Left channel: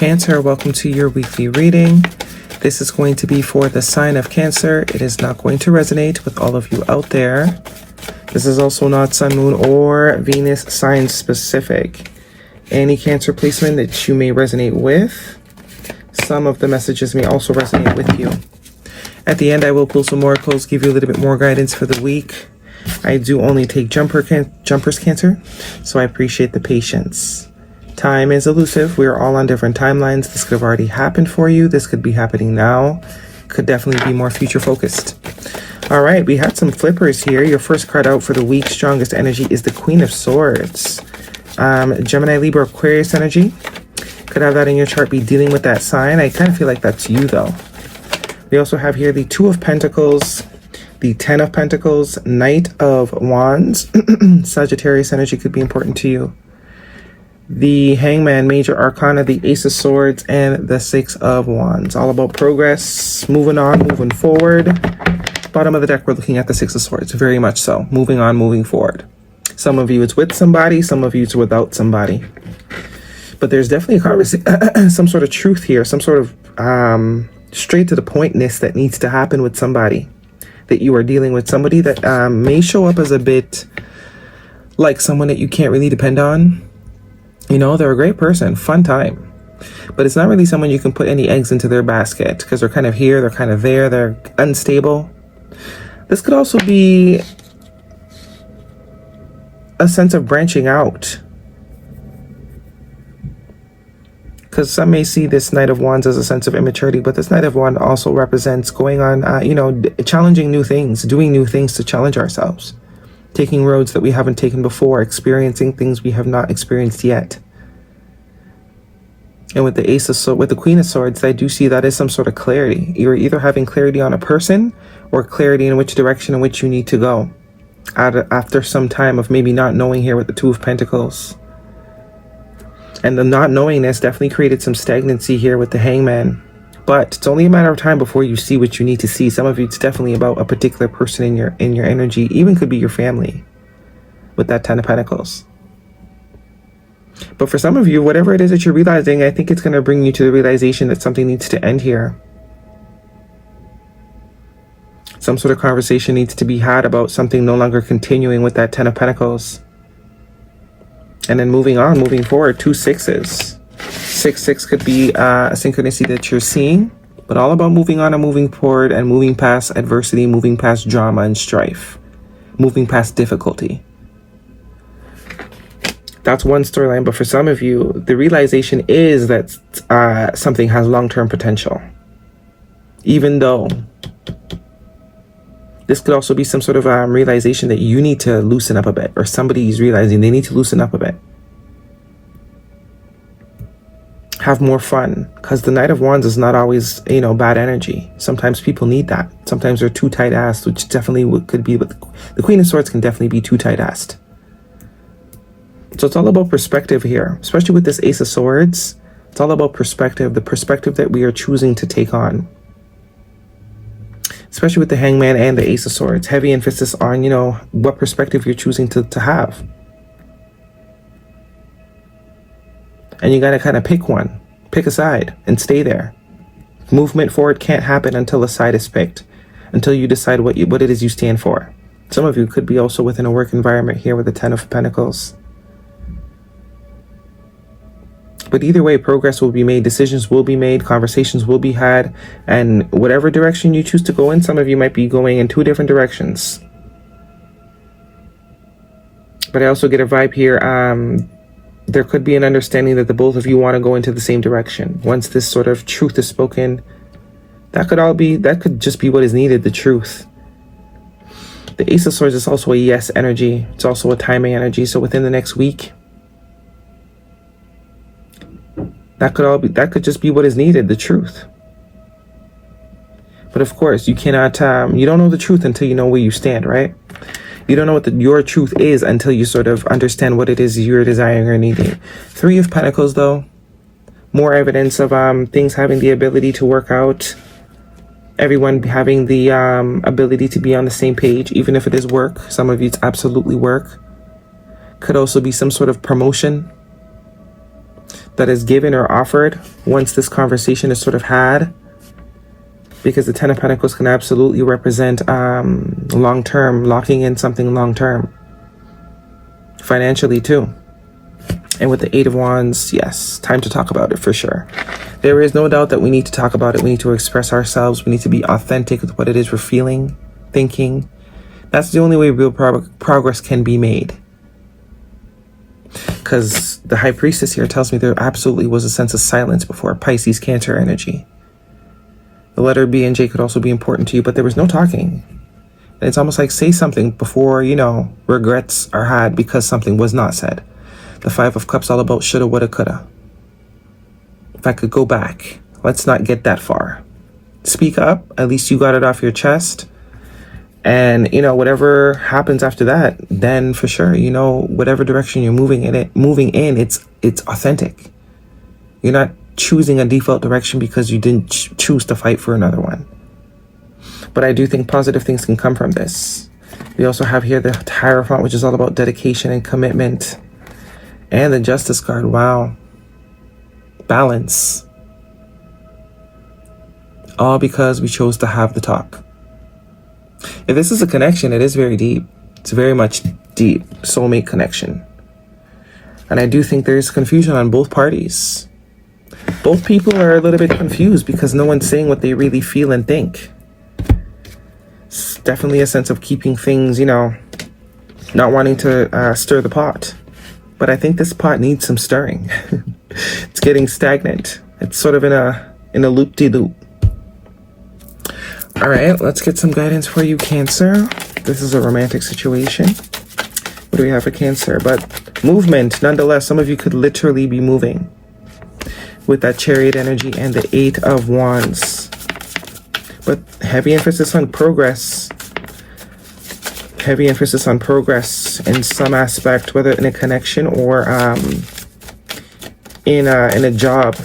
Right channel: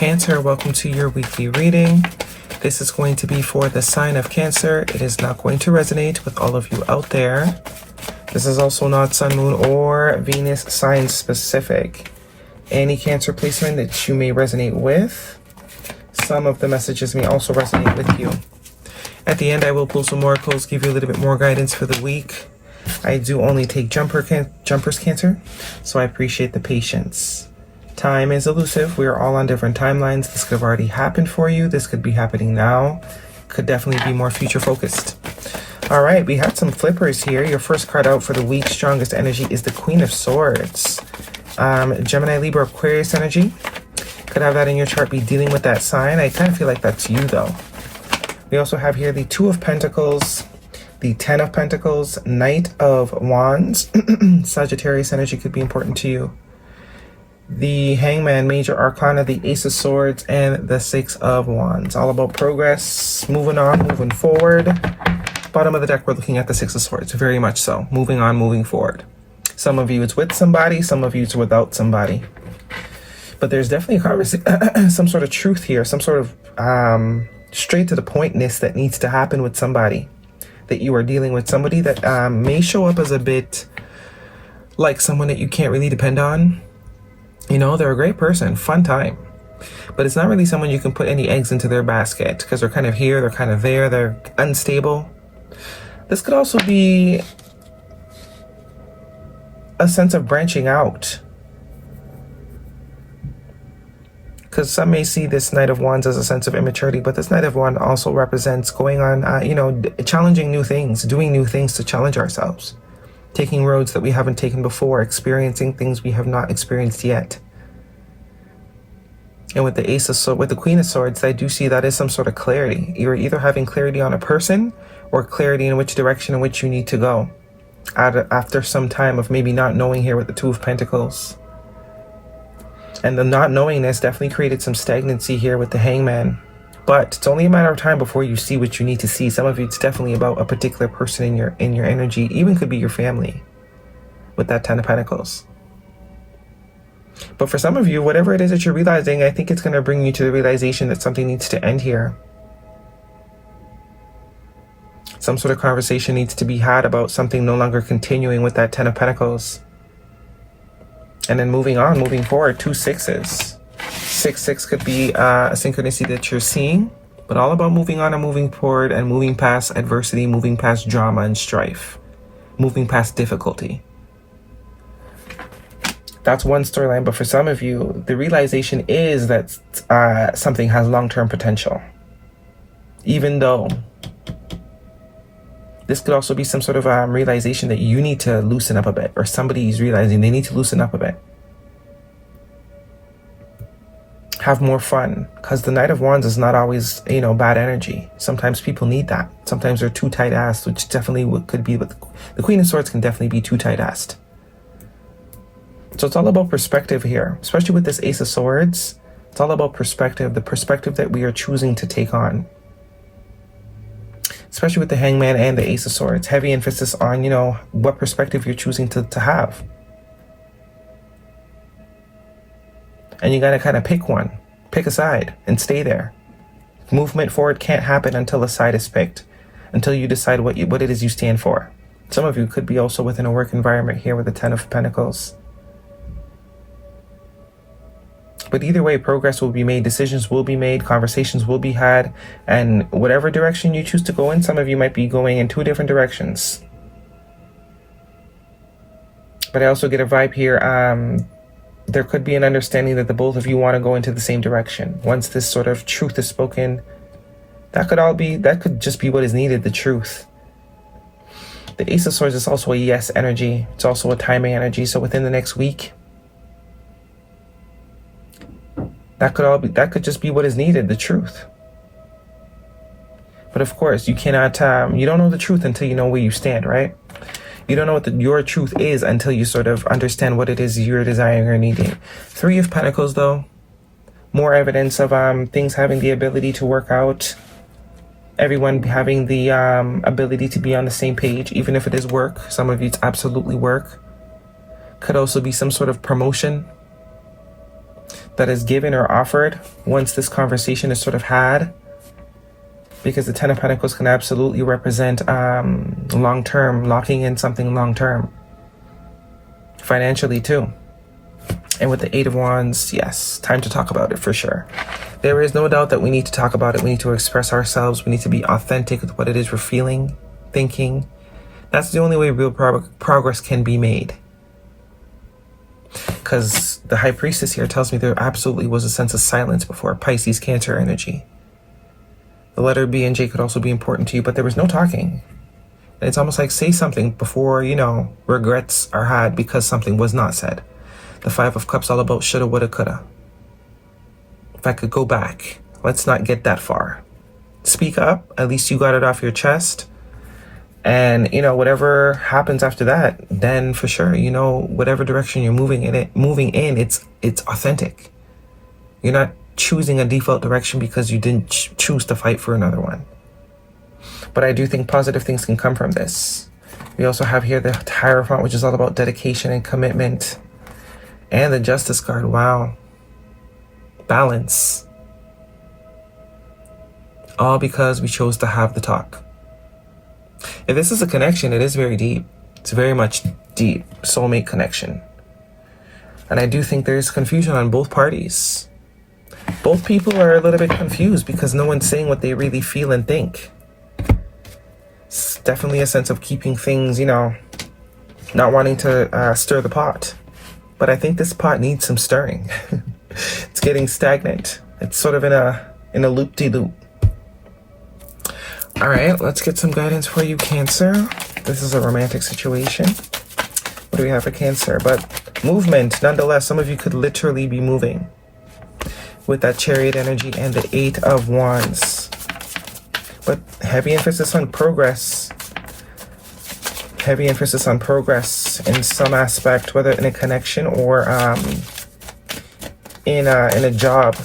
Cancer, welcome to your weekly reading. This is going to be for the sign of Cancer. It is not going to resonate with all of you out there. This is also not Sun, Moon, or Venus sign specific. Any Cancer placement that you may resonate with, some of the messages may also resonate with you. At the end, I will pull some oracles, give you a little bit more guidance for the week. I do only take jumpers Cancer, so I appreciate the patience. Time is elusive. We're all on different timelines. This could have already happened for you. This could be happening now. Could definitely be more future focused. All right, we had some flippers here. Your first card out for the week, strongest energy, is the Queen of Swords. Gemini, Libra, Aquarius energy. Could have that in your chart, be dealing with that sign. I kind of feel like that's you though. We also have here the Two of Pentacles, the Ten of Pentacles, Knight of Wands. Sagittarius energy could be important to you. The Hangman, Major Arcana, the Ace of Swords, and the Six of Wands. All about progress, moving on, moving forward. Bottom of the deck, we're looking at the Six of Swords, very much so. Moving on, moving forward. Some of you it's with somebody, some of you it's without somebody. But there's definitely a conversation, some sort of truth here, some sort of straight to the pointness that needs to happen with somebody. That you are dealing with somebody that may show up as a bit like someone that you can't really depend on. You know, they're a great person, fun time. But it's not really someone you can put any eggs into their basket because they're kind of here, they're kind of there, they're unstable. This could also be a sense of branching out. Because some may see this Knight of Wands as a sense of immaturity, but this Knight of Wands also represents going on, challenging new things, doing new things to challenge ourselves. Taking roads that we haven't taken before, experiencing things we have not experienced yet. And with the Queen of Swords, I do see that as some sort of clarity. You're either having clarity on a person or clarity in which direction in which you need to go. After some time of maybe not knowing here with the Two of Pentacles. And the not knowingness definitely created some stagnancy here with the Hangman. But it's only a matter of time before you see what you need to see. Some of you, it's definitely about a particular person in your energy. Even could be your family with that Ten of Pentacles. But for some of you, whatever it is that you're realizing, I think it's going to bring you to the realization that something needs to end here. Some sort of conversation needs to be had about something no longer continuing with that Ten of Pentacles. And then moving on, moving forward, 2 sixes. 6 could be a synchronicity that you're seeing, but all about moving on and moving forward and moving past adversity, moving past drama and strife, moving past difficulty. That's one storyline, but for some of you, the realization is that something has long-term potential. Even though this could also be some sort of realization that you need to loosen up a bit, or somebody is realizing they need to loosen up a bit. Have more fun, because the Knight of Wands is not always, bad energy. Sometimes people need that. Sometimes they're too tight-assed, which definitely could be, but the Queen of Swords can definitely be too tight-assed. So it's all about perspective here, especially with this Ace of Swords. It's all about perspective, the perspective that we are choosing to take on. Especially with the Hangman and the Ace of Swords. Heavy emphasis on, what perspective you're choosing to have. And you got to kind of pick one, pick a side and stay there. Movement forward can't happen until a side is picked, until you decide what it is you stand for. Some of you could be also within a work environment here with the Ten of Pentacles. But either way, progress will be made, decisions will be made, conversations will be had, and whatever direction you choose to go in, some of you might be going in 2 different directions. But I also get a vibe here, there could be an understanding that the both of you want to go into the same direction. Once this sort of truth is spoken, that could just be what is needed, the truth. The Ace of Swords is also a yes energy. It's also a timing energy. So within the next week, that could just be what is needed, the truth. But of course, you cannot, you don't know the truth until you know where you stand, right? You don't know what your truth is until you sort of understand what it is you're desiring or needing. 3 of Pentacles, though. More evidence of things having the ability to work out. Everyone having the ability to be on the same page, even if it is work. Some of you, it's absolutely work. Could also be some sort of promotion. that is given or offered once this conversation is sort of had, because the Ten of Pentacles can absolutely represent long-term, locking in something long-term, financially too. And with the Eight of Wands, yes, time to talk about it for sure. There is no doubt that we need to talk about it. We need to express ourselves. We need to be authentic with what it is we're feeling, thinking. That's the only way real progress can be made. Because the High Priestess here tells me there absolutely was a sense of silence before. Pisces, Cancer energy. The letter B and J could also be important to you, but there was no talking. And it's almost like say something before, you know, regrets are had because something was not said. The Five of Cups all about shoulda, woulda, coulda. If I could go back, let's not get that far. Speak up. At least you got it off your chest. And, you know, whatever happens after that, then for sure, you know, whatever direction you're moving in, it's authentic. You're not choosing a default direction because you didn't choose to fight for another one. But I do think positive things can come from this. We also have here the Hierophant, which is all about dedication and commitment. And the Justice card, wow. Balance. All because we chose to have the talk. If this is a connection, it is very deep. It's very much deep, soulmate connection. And I do think there's confusion on both parties. Both people are a little bit confused because no one's saying what they really feel and think. It's definitely a sense of keeping things, you know, not wanting to stir the pot. But I think this pot needs some stirring. It's getting stagnant. It's sort of in a loop-de-loop. All right, let's get some guidance for you, Cancer. This is a romantic situation. What do we have for Cancer? But movement, nonetheless. Some of you could literally be moving with that Chariot energy and the Eight of Wands. But heavy emphasis on progress. Heavy emphasis on progress in some aspect, whether in a connection or in a job.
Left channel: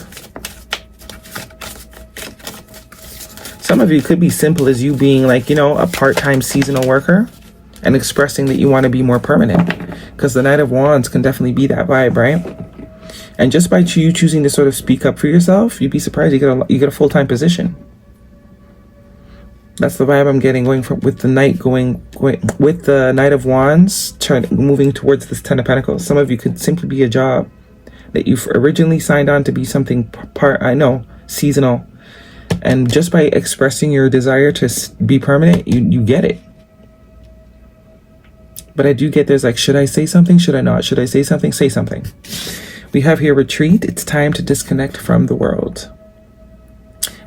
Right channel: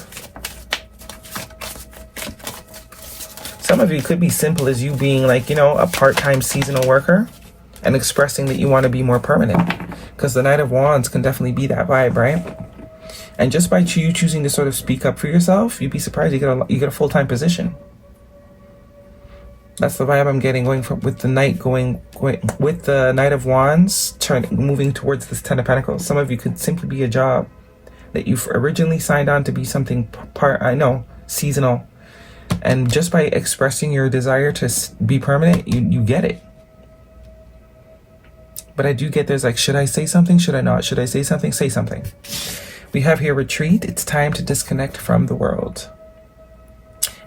Some of you could be simple as you being like, you know, a part-time seasonal worker and expressing that you want to be more permanent, because the Knight of Wands can definitely be that vibe, right? And just by you choosing to sort of speak up for yourself, you'd be surprised you get a full-time position. That's the vibe I'm getting with the Knight with the Knight of Wands moving towards this Ten of Pentacles. Some of you could simply be a job that you've originally signed on to be something seasonal. And just by expressing your desire to be permanent, you get it. But I do get there's like, should I say something? Should I not? Should I say something? Say something. We have here retreat. It's time to disconnect from the world.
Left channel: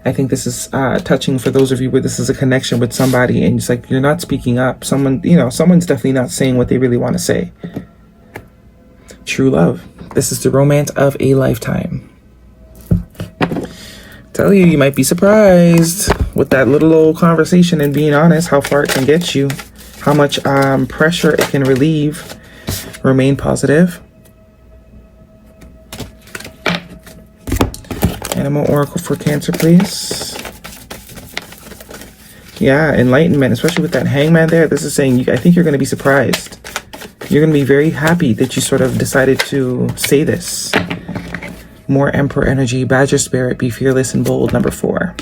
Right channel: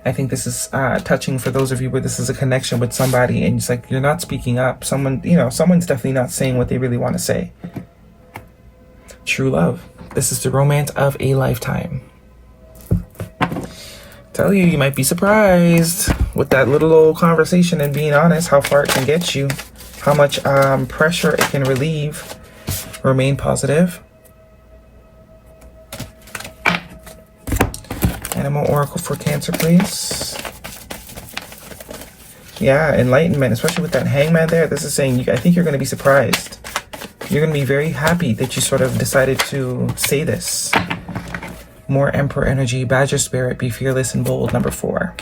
I think this is touching for those of you where this is a connection with somebody and it's like you're not speaking up. Someone's definitely not saying what they really want to say. True love. This is the romance of a lifetime. Tell you, you might be surprised with that little old conversation and being honest, how far it can get you, how much pressure it can relieve. Remain positive. Animal Oracle for Cancer, please. Yeah, enlightenment, especially with that Hangman there. This is saying, I think you're going to be surprised. You're going to be very happy that you sort of decided to say this. More Emperor energy, Badger Spirit, be fearless and bold, number 4.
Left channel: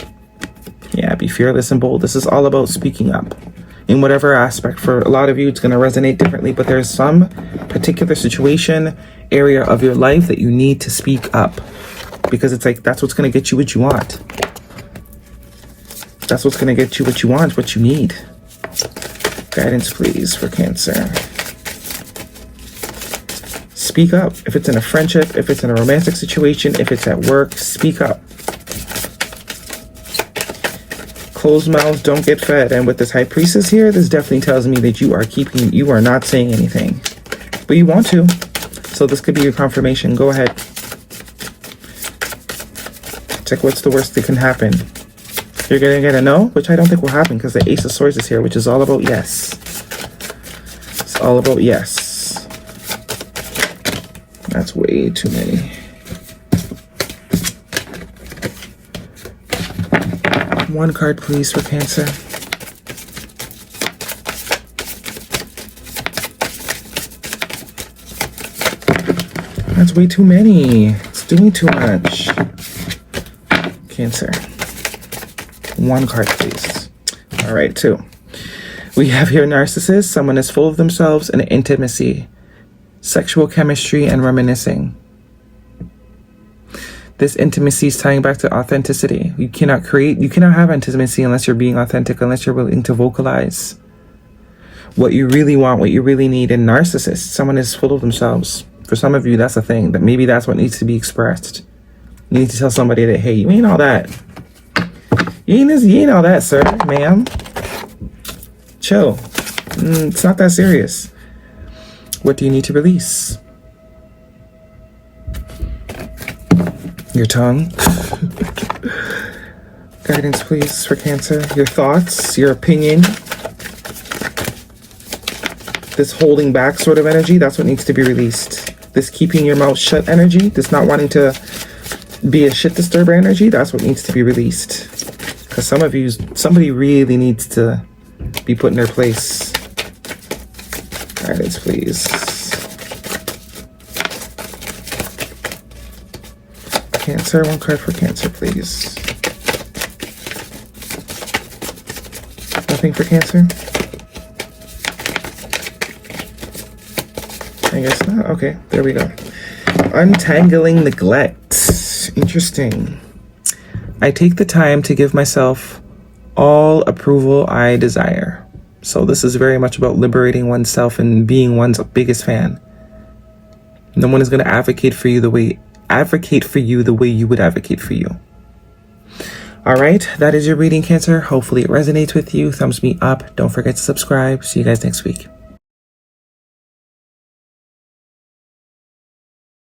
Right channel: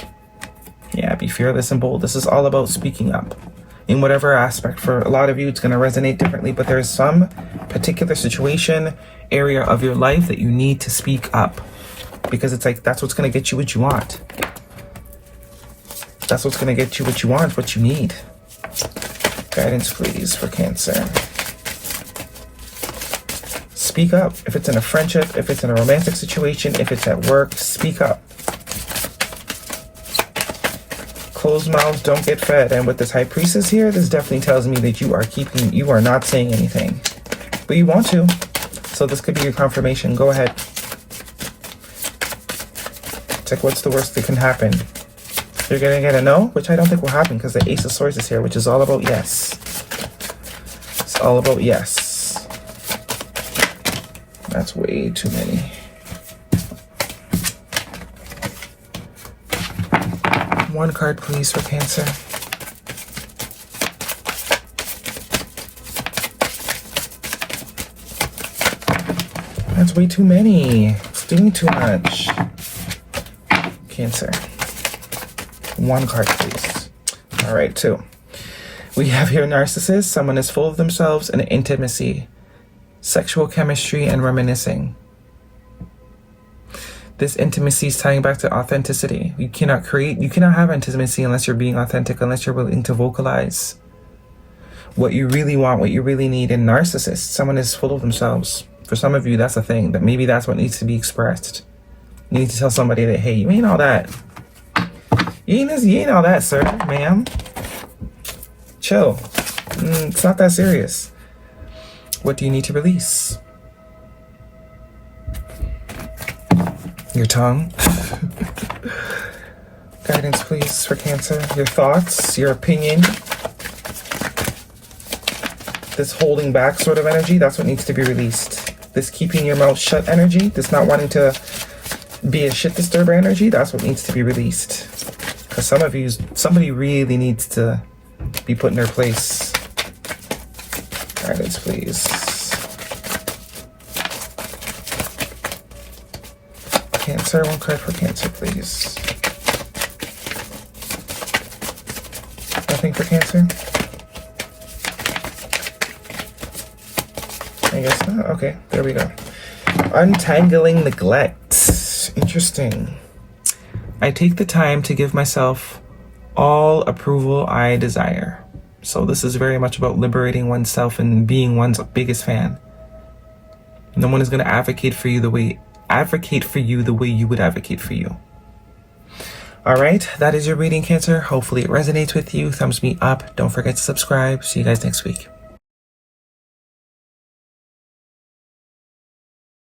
Yeah, be fearless and bold. This is all about speaking up in whatever aspect. For a lot of you, it's going to resonate differently, but there's some particular situation, area of your life that you need to speak up. Because it's like, that's what's going to get you what you want. That's what's going to get you what you want, what you need. Guidance, please, for Cancer. Speak up. If it's in a friendship, if it's in a romantic situation, if it's at work, speak up. Closed mouth, don't get fed. And with this High Priestess here, this definitely tells me that you are not saying anything. But you want to. So this could be your confirmation. Go ahead. Check what's the worst that can happen. You're going to get a no, which I don't think will happen because the Ace of Swords is here, which is all about yes. It's all about yes. That's way too many. One card, please, for Cancer. That's way too many. doing too much. Cancer. One card, please. All right, 2. We have here narcissist. Someone is full of themselves and intimacy, sexual chemistry, and reminiscing. This intimacy is tying back to authenticity. You cannot have intimacy unless you're being authentic, unless you're willing to vocalize what you really want, what you really need. And narcissist, someone is full of themselves. For some of you, that's a thing. That maybe that's what needs to be expressed. You need to tell somebody that, hey, you ain't all that. You ain't all that, sir, ma'am. Chill. It's not that serious. What do you need to release? Your tongue. Guidance, please, for Cancer. Your thoughts, your opinion. This holding back sort of energy, that's what needs to be released. This keeping your mouth shut energy, this not wanting to be a shit disturber energy, that's what needs to be released. Because some of you, somebody really needs to be put in their place. Guidance, please. Cancer, one card for Cancer, please. Nothing for Cancer? I guess not. Okay, there we go. Untangling neglect. Interesting. I take the time to give myself all approval I desire. So this is very much about liberating oneself and being one's biggest fan. No one is going to advocate for you the way you would advocate for you. All right, that is your reading, Cancer. Hopefully it resonates with you. Thumbs me up. Don't forget to subscribe. See you guys next week.